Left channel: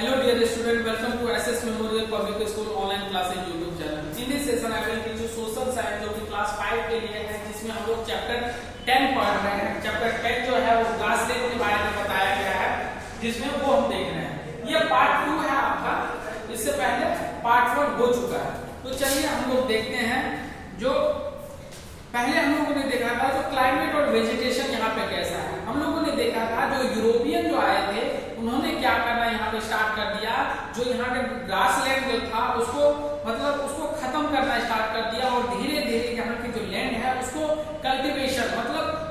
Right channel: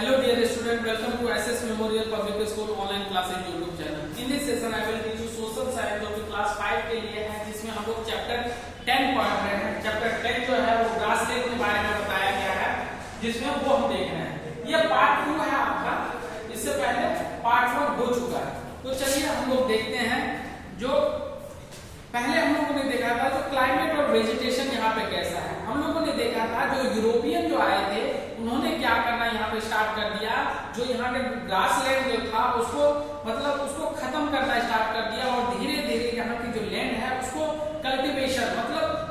Hello dear student, welcome to SS Memorial Public School online classes YouTube channel. In this session I will teach you social science जो कि class 5 के लिए है, जिसमें हम लोग चैप्टर 10 पढ़ रहे हैं। चैप्टर 10 जो है वो ग्रास लैंड के बारे में बताया गया है, जिसमें वो हम देख रहे हैं। ये पार्ट 2 है आपका, इससे पहले पार्ट 1 हो चुका है। तो चलिए हम लोग देखते हैं। जो पहले हम लोगों ने देखा था जो क्लाइमेट और वेजिटेशन यहाँ पे कैसा है। हम लोगों ने देखा था जो यूरोपियन जो आए थे उन्होंने क्या करना यहाँ पे स्टार्ट कर दिया, जो यहाँ के ग्रासलैंड जो था उसको खत्म करना स्टार्ट कर दिया और धीरे धीरे यहाँ की जो लैंड है उसको कल्टीवेशन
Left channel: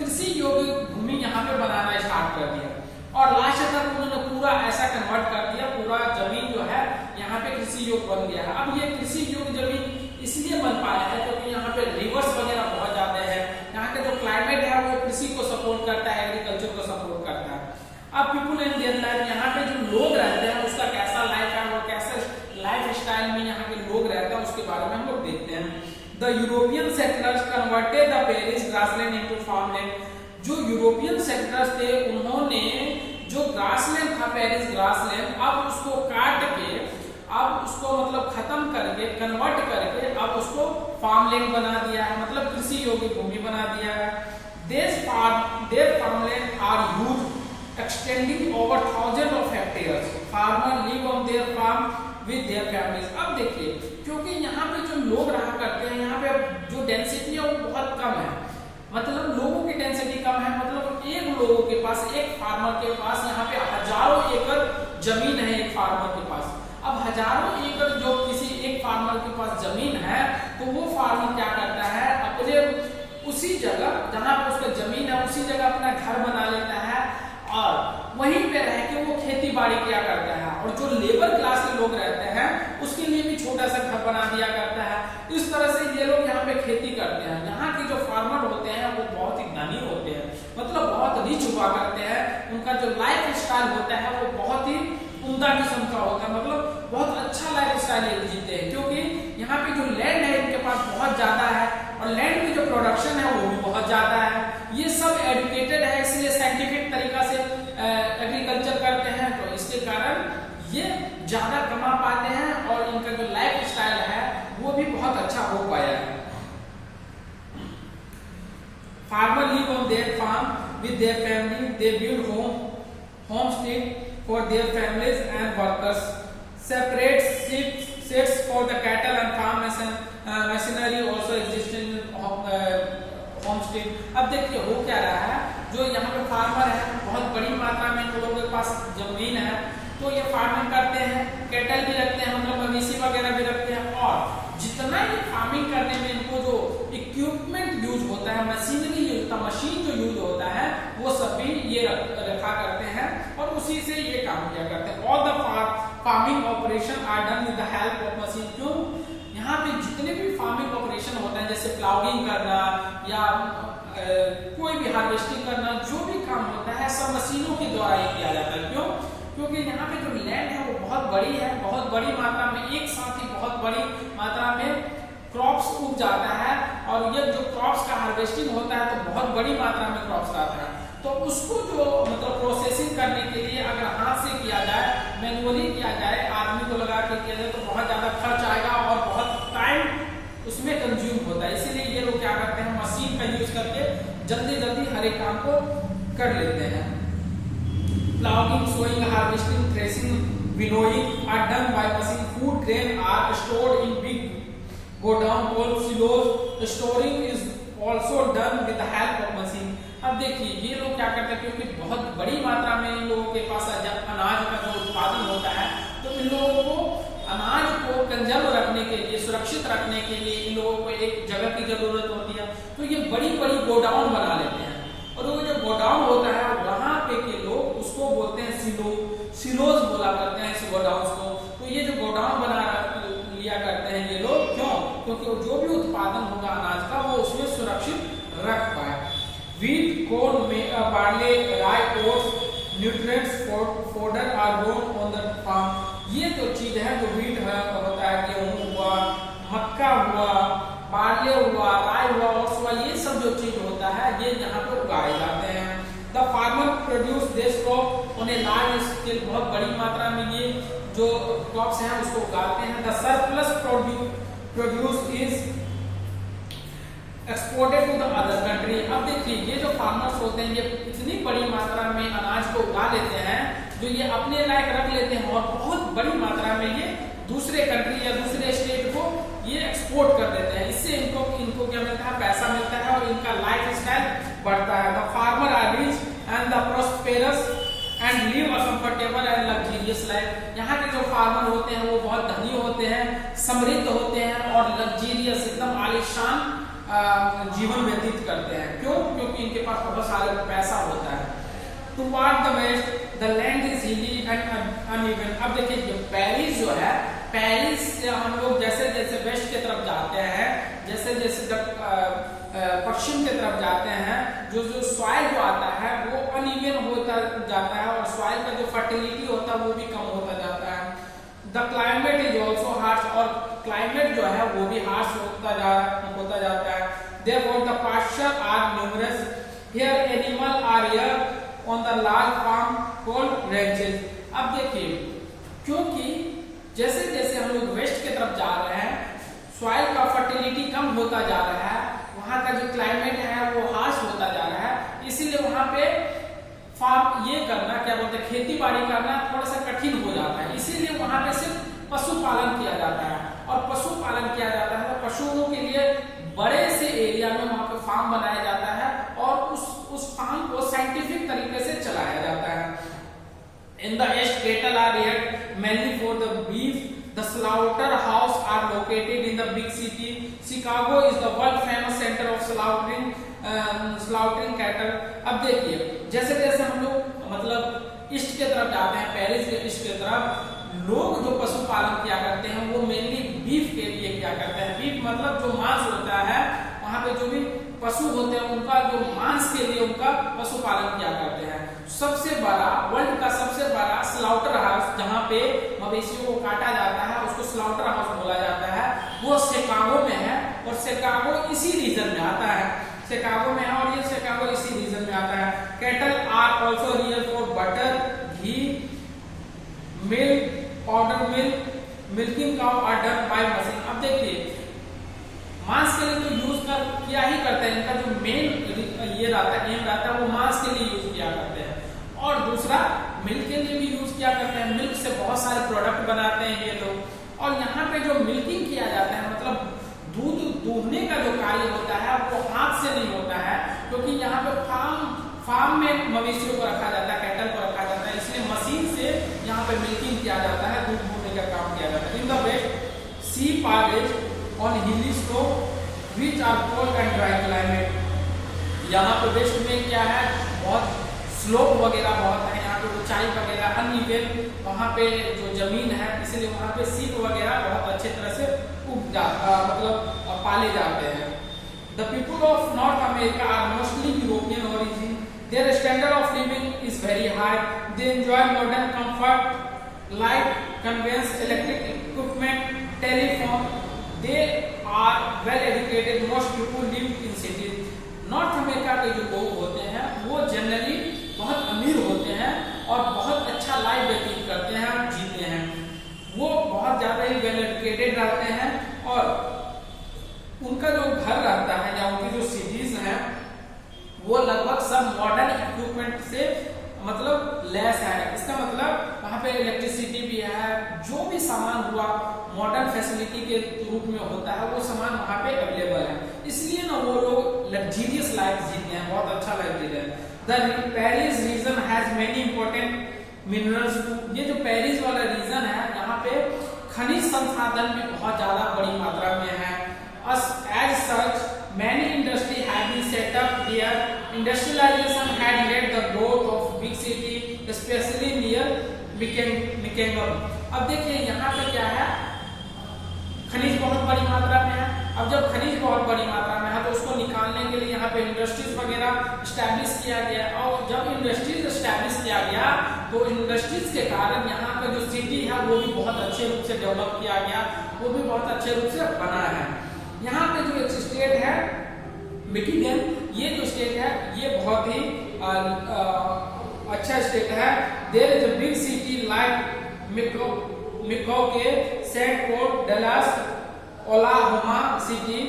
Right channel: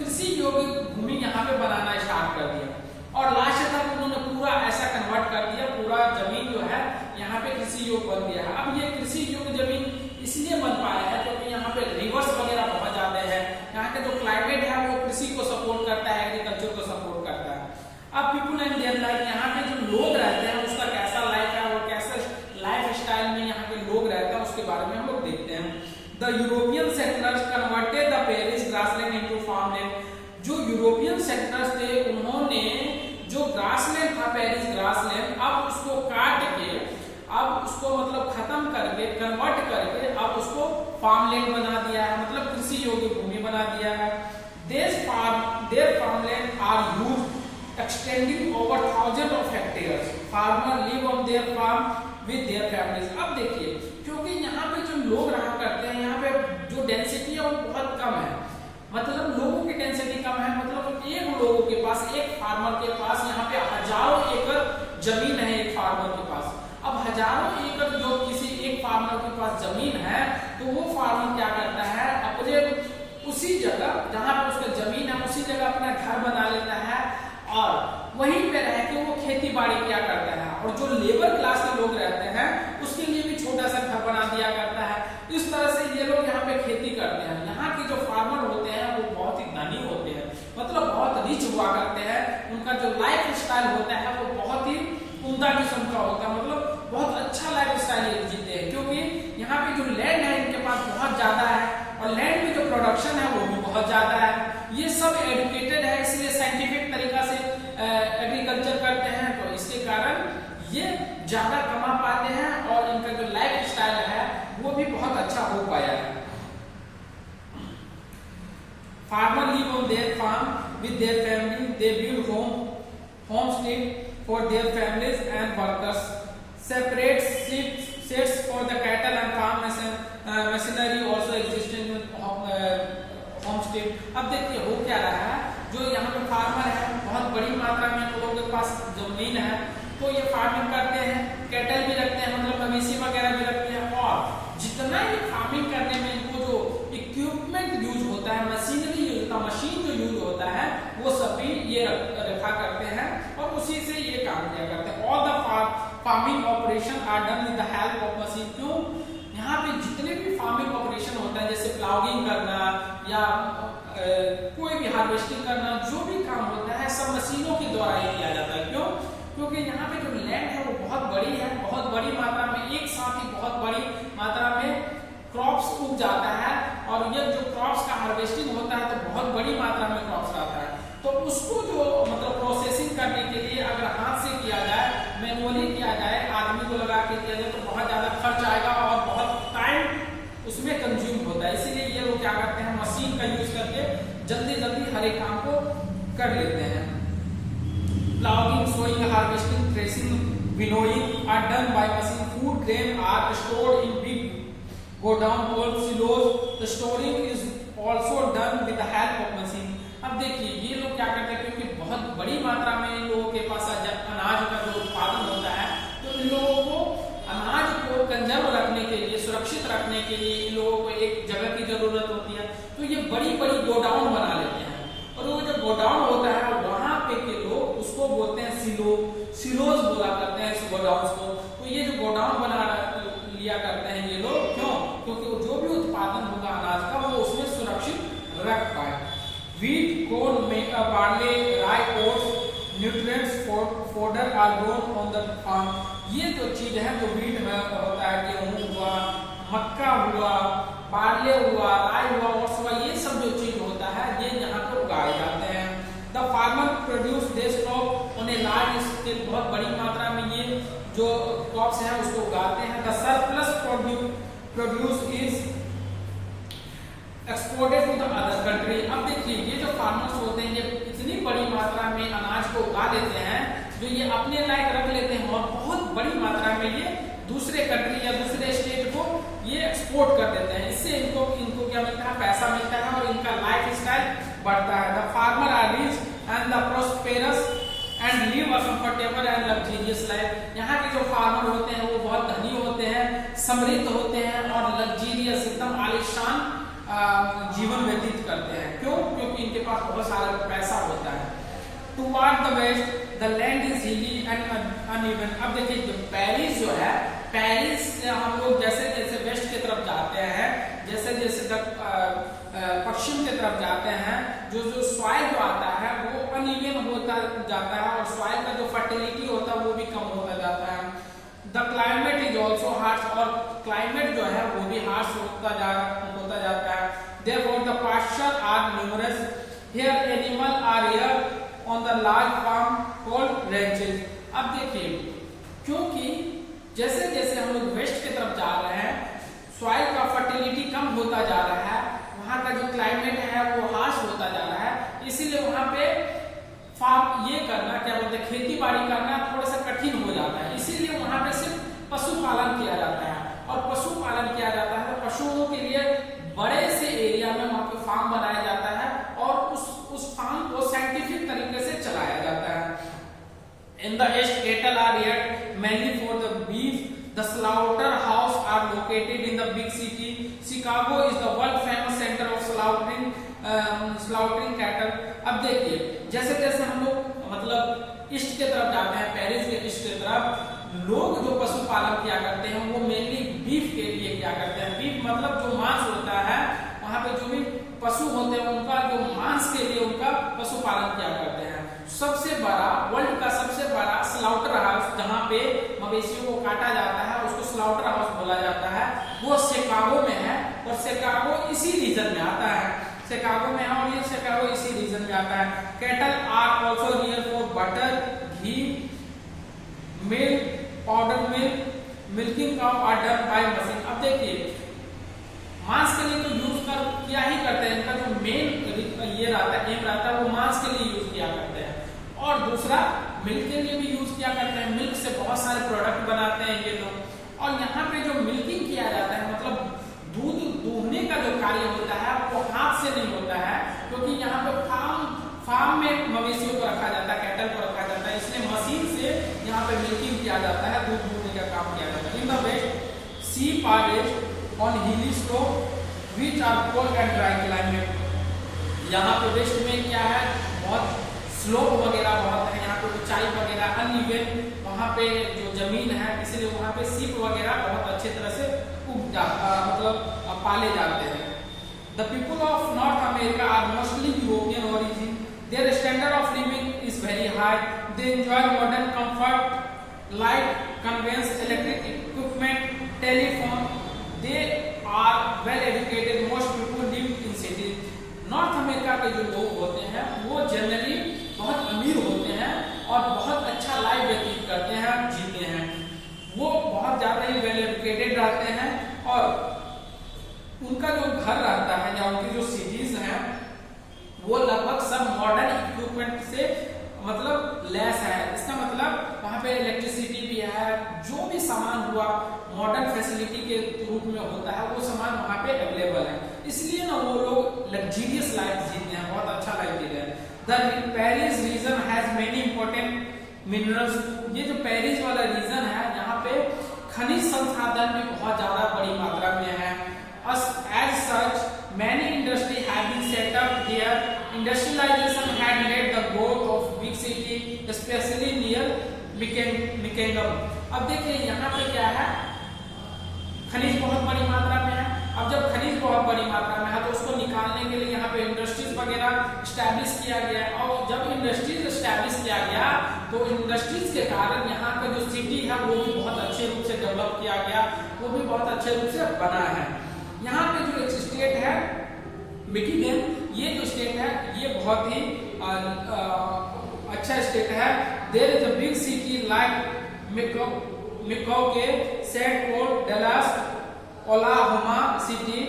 कृषि योग्य भूमि यहाँ पे बनाना स्टार्ट कर दिया। और लास्ट तक उन्होंने पूरा ऐसा कन्वर्ट कर दिया, पूरा जमीन जो है यहाँ पे कृषि योग्य बन गया है। अब ये कृषि योग्य जमीन इसलिए बन पाया है क्योंकि यहाँ पे रिवर्स वगैरह बहुत जाते हैं। यहाँ के जो क्लाइमेट है वो कृषि को सपोर्ट करता है, एग्रीकल्चर को सपोर्ट करता है। अब पीपुल एंड देयर लाइफ, यहाँ पे जो लोग रहते हैं उसका कैसा लाइफ है और कैसे लाइफ स्टाइल में यहाँ के लोग रहते हैं उसके बारे में हम लोग देखते हैं। The European settlers converted the Paris grassland into farmland. जो यूरोपियन सेटलर्स थे उन्होंने जो ग्रासलैंड था पेरिस ग्रासलैंड, अब उसको काट के अब उसको खत्म करके कन्वर्ट करके अब उसको फार्मलैंड बना दिया है, कृषि योग्य भूमि बना दिया है। Their farmland are huge extending over thousand of hectares. Farmer live on their farm with their families. अब देखिए, क्योंकि यहाँ पे जो लोग रहा करते हैं, यहाँ पे जो डेंसिटी है वो बहुत कम है, लोगों की डेंसिटी कम है। एक लोगों के पास, एक फार्मर के पास यहाँ पे हजारों एकड़ जमीन है एक फार्मर के पास। अब हजारों एकड़ जो किसी एक फार्मर के पास जमीन है तो वो फार्मर क्या करता है, अपने उसी जगह जहां पर उसका जमीन है उसी जगह अपना घर बना लेता है और वहीं पे रह के वो खेती बाड़ी किया करता है। और जो लेबर क्लास के लोग रहते हैं उसके लिए भी छोटा सा घर बना दिया करता है। इस तरह से ये लोग यहाँ पे खेती करते हैं। यहाँ के जो फार्मर होते हैं वो बहुत ही धनी होते हैं, बहुत रिच हुआ करते हैं। उनका जो लाइफ स्टाइल होता है वो बहुत ही उम्दा किस्म का होता है, बहुत अच्छा लाइफ स्टाइल जीते हैं, क्योंकि यहाँ पे जो लैंड है इनके पास बहुत ज्यादा है और लैंड में जो प्रोडक्शन है वो भी बहुत ज्यादा है। ये सब एजुकेटेड है, इसलिए साइंटिफिक तरीका से एग्रीकल्चर करते हैं, तो इसके कारण ये ज्यादा कमा पाते हैं और इनका जो लाइफ स्टाइल है वो भी बहुत अच्छा हो पाया है। Farmer live on their farm with their family. They build homestead for their families and workers. Separate sheds for the cattle and farm machinery also exist in homestead. अब देखिए हो क्या रहा है, जो यहाँ पे फार्मर है बहुत बड़ी मात्रा में लोगों के पास जमीन है, तो ये फार्मिंग करते हैं, कैटल भी रखते हैं, मवेशी वगैरह भी रखते हैं। और जितना ये फार्मिंग करने में इनको जो इक्विपमेंट यूज होता है, मशीनरी यूज होता है, मशीन जो यूज होता है वो सब भी ये रखा करते हैं और उसी से ये काम किया करते हैं। All the farming operation are done with the help of machine. क्यों? यहाँ पे जितने भी फार्मिंग ऑपरेशन होता है, जैसे प्लाउइंग करना या कोई भी हार्वेस्टिंग करना, जो भी काम होता है सब मशीनों के द्वारा ही किया जाता है। क्यों? क्योंकि यहाँ पे जो लैंड है वो बहुत बड़ी है, बहुत बड़ी मात्रा में एक साथ ही बहुत बड़ी मात्रा में क्रॉप्स उग जाता है और ये जो क्रॉप्स का हार्वेस्टिंग होता है तो बहुत बड़ी मात्रा में क्रॉप्स आता है। तो उसको जो प्रोसेसिंग करने के लिए अगर हाथ से किया जाए, मैनुअली किया जाए, आदमी को लगा के किया जाए तो बहुत ज्यादा खर्च आएगा और बहुत टाइम उसमें कंज्यूम होता है। इसीलिए ये लोग क्या करते हैं, मशीन का यूज करके जल्दी जल्दी हर एक काम को कर लेते हैं। Ploughing, sowing, harvesting, threshing, winnowing are done by machine. Food grain are stored in big godown called silos. The storing is also done with the help of machine. अब देखिए ये लोग क्या करते हैं, क्योंकि बहुत बड़ी मात्रा में इन लोगों के पास अनाज का जो उत्पादन होता है, तो इन लोगों को अनाज को कंजर्व रखने के लिए, सुरक्षित रखने के लिए इन लोगों को एक जगह की जरूरत होती है। तो ये बड़ी बड़ी गोडाउन बना लेते हैं और वो जो गोडाउन होता है वहां पे के लोग उसको बोलते हैं सिलोज बोला करते हैं इस गोडाउन को। तो ये जो गोडाउन बना लिया करते हैं ये लोग, क्यों? क्योंकि जो भी उत्पादन होगा अनाज का वो उसमें सुरक्षित रख पाए। Wheat, corn, barley, rye, oats, nutrients fodder are grown on the farm. ये जो चीज है, जो वीट होता है, गेहूं हुआ, मक्का हुआ, बार्ले हुआ, राई हुआ, ओट्स हुआ, ये सब जो चीज होता है ये यहाँ पे उगाए जाते हैं। The farmer produce this crop on a large scale. बहुत बड़ी मात्रा में ये जो क्रॉप्स हैं उसको उगाते हैं। The surplus produce is exported to the other country. अब देखिए ये जो फार्मर्स होते हैं ये इतनी बड़ी मात्रा में अनाज को उगा देते हैं जो ये अपने लायक रख लेते हैं और बहुत बड़ी मात्रा में ये दूसरे कंट्री या दूसरे स्टेट को ये एक्सपोर्ट कर देते हैं। इससे इनको क्या मिलता है, पैसा मिलता है और इनका लाइफ स्टाइल बढ़ता है। The farmer are rich and the prosperous and live a comfortable and luxurious life. यहाँ के जो फार्मर होते हैं वो बहुत धनी होते हैं, समृद्ध होते हैं और लग्जरियस एकदम आलीशान जीवन व्यतीत करते हैं। क्यों? क्योंकि इनके पास बहुत सारा पैसा होता है। Toward the west the land is hilly and uneven. अब देखिए जो पेरिस जो है, पेरिस से हम लोग जैसे जैसे वेस्ट की तरफ जाते हैं, जैसे जैसे पश्चिम की तरफ जाते हैं, जो सॉइल जो आता है वो अनइवन होता जाता है और सॉइल का जो फर्टिलिटी होता है वो भी कम होता जाता है। The climate is also harsh, और क्लाइमेट जो है वो भी हार्श होता जाता है। Therefore the pasture are numerous. Here animal are here on the large farm called ranches. अब देखिए क्योंकि जैसे जैसे हम लोग वेस्ट की तरफ जा रहे हैं, सॉइल का फर्टिलिटी कम होता जा रहा है, वहां का जो क्लाइमेट है वो हार्श होता जा रहा है, इसीलिए वहां पे फार्म ये करना क्या बोलते हैं, खेती बाड़ी करना थोड़ा सा कठिन हो जाता है। इसीलिए वहां पे सिर्फ पशुपालन किया जाता है और पशुपालन किया जाता है तो पशुओं के लिए बड़े से एरिया में वहां पे फार्म बनाया जाता है और उस फार्म को साइंटिफिक तरीके से चलाया जाता है। In the east cattle are reared mainly for the beef. The slaughter house are located in the big city. Chicago is the world famous centre of slaughtering cattle. अब देखिए जैसे जैसे हम लोग मतलब ईस्ट की तरफ जाते हैं, पेरिस के ईस्ट की तरफ, लोग जो पशुपालन किया करते हैं वो मेनली बीफ के लिए क्या करते हैं। बीफ मतलब जो मांस होता है, वहां पे जो भी पशु होते हैं उनका जो मांस के लिए उनका पशुपालन किया करते हैं। सबसे बड़ा वर्ल्ड का सबसे बड़ा स्लाउटर हाउस जहाँ पे मवेशियों को काटा जाता है उसको स्लाउटर हाउस बोला जाता है, वो शिकागो में है और शिकागो इसी रीजन में आता है। शिकागो में है और ये शिकागो इसी रीजन में आता है। Cattle are also here for butter, ghee, milk, powder milk, milking cow are done by machine. अब देखिए मांस के लिए तो यूज किया ही करते हैं, इनका जो मेन ये रहता है एम रहता है वो मांस के लिए यूज किया करते हैं। और दूसरा मिल्क के लिए भी यूज किया करते हैं, मिल्क से बहुत सारे प्रोडक्ट बनाते हैं ये लोग। और यहाँ पे जो मिल्किंग किया जाता है मतलब दूध दूहने का जो कार्य होता है वो हाथ से नहीं होता है, क्योंकि यहाँ पे फार्म में मवेशियों को रखा जाता है, कैटल को रखा जाता है, इसलिए मशीन से यहाँ पे मिल्किंग किया जाता है, दूध दूहने का काम किया जाता है। In the west sheep are raised on hilly slope which are cold and dry climate. यहाँ पे वेस्ट में क्या है, बहुत स्लोप वगैरह बहुत है, यहाँ पे ऊंचाई वगैरह अनइवन वहाँ पे जो जमीन है, इसलिए वहाँ पे शीप वगैरह बहुत अच्छे तरह से मतलब पाले जाते हैं। The people of North America are mostly European origin. Their standard of living is very high. They enjoy modern comfort like conveyance, electric equipment, telephone. They are well educated. Most people live in cities. North America के जो लोग होते हैं वो generally बहुत अमीर होते हैं और बहुत अच्छा लाइफ व्यतीत करते हैं, जीते हैं। वो बहुत ज्यादा ही वेल एजुकेटेड रहते हैं और उनका जो घर रहता है या उनकी जो सिटीज हैं वो लगभग सब मॉडर्न इक्विपमेंट से मतलब लेस है। इसका मतलब वहाँ पे इलेक्ट्रिसिटी भी है, जो भी सामान हुआ मॉडर्न फैसिलिटी के रूप में होता है वो सामान वहाँ पे अवेलेबल है, इसलिए ना वो लोग लग्जरियस लाइफ जीते हैं, बहुत अच्छा लाइफ जी रहे हैं। The Paris region has many important minerals. ये जो पेरिस वाला रीजन है यहाँ पे खनिज संसाधन भी बहुत ज्यादा बड़ी मात्रा में है। As such, many industries have been set up here. Industrialization had led the growth of big city, especially near Michigan. अब देखिए यहाँ पे क्या है, खनिज बहुत बड़ी मात्रा में है। अब जब खनिज बहुत बड़ी मात्रा में है तो उसको निकालने के लिए यहाँ पे इंडस्ट्रीज वगैरह स्टैब्लिश किया गया और जब इंडस्ट्रीज स्टैब्लिश किया गया तो इंडस्ट्रीज के कारण यहाँ का जो सिटी है वो भी बहुत अच्छे रूप से डेवलप किया गया, वो भी बहुत अच्छे रूप से बना है। यहाँ पे जो एक स्टेट है मिशिगन, ये जो स्टेट है ये बहुत ही अच्छा स्टेट है। There is a big city like मिको के saint port Dallas Oklahoma city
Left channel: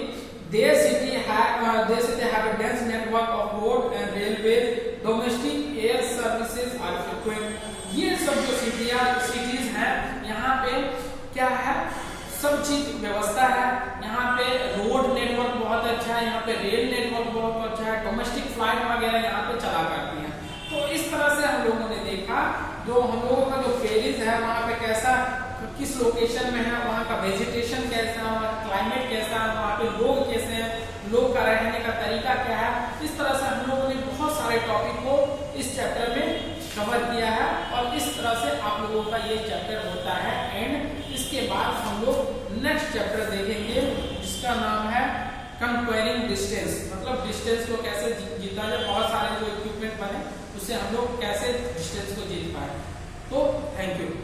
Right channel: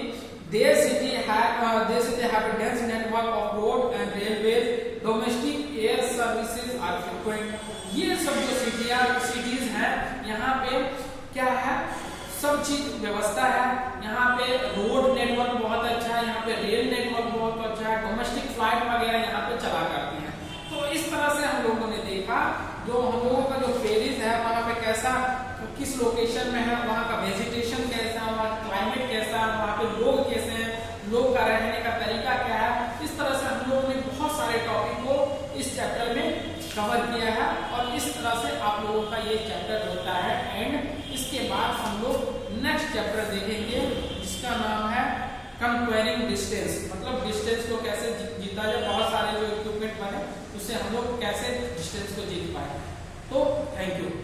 Their city have a dense network of road and railways. Domestic air services are frequent. ये सब जो सिटीज हैं यहाँ पे क्या है, सब चीज व्यवस्था है। यहाँ पे रोड नेटवर्क बहुत अच्छा है, यहाँ पे रेल नेटवर्क बहुत अच्छा है, डोमेस्टिक फ्लाइट वगैरह यहाँ पे चला करती हैं। तो इस तरह से हम लोगों ने देखा जो हम लोगों का जो पेरिस है वहाँ पे कैसा, किस लोकेशन में है, वहाँ का वेजिटेशन कैसा है, वहाँ का क्लाइमेट कैसा है, वहाँ पे लोग कैसे हैं, लोग का रहने का तरीका क्या है। इस तरह से हम लोगों ने बहुत सारे टॉपिक को इस चैप्टर में कवर किया है और इस तरह से आप लोगों का ये चैप्टर होता है एंड। इसके बाद हम लोग नेक्स्ट चैप्टर देखेंगे जिसका नाम है कंपेयरिंग डिस्टेंस, मतलब डिस्टेंस को कैसे जीता जाए, बहुत सारे जो इक्विपमेंट बने उससे हम लोग कैसे डिस्टेंस को जीत पाए। तो थैंक यू।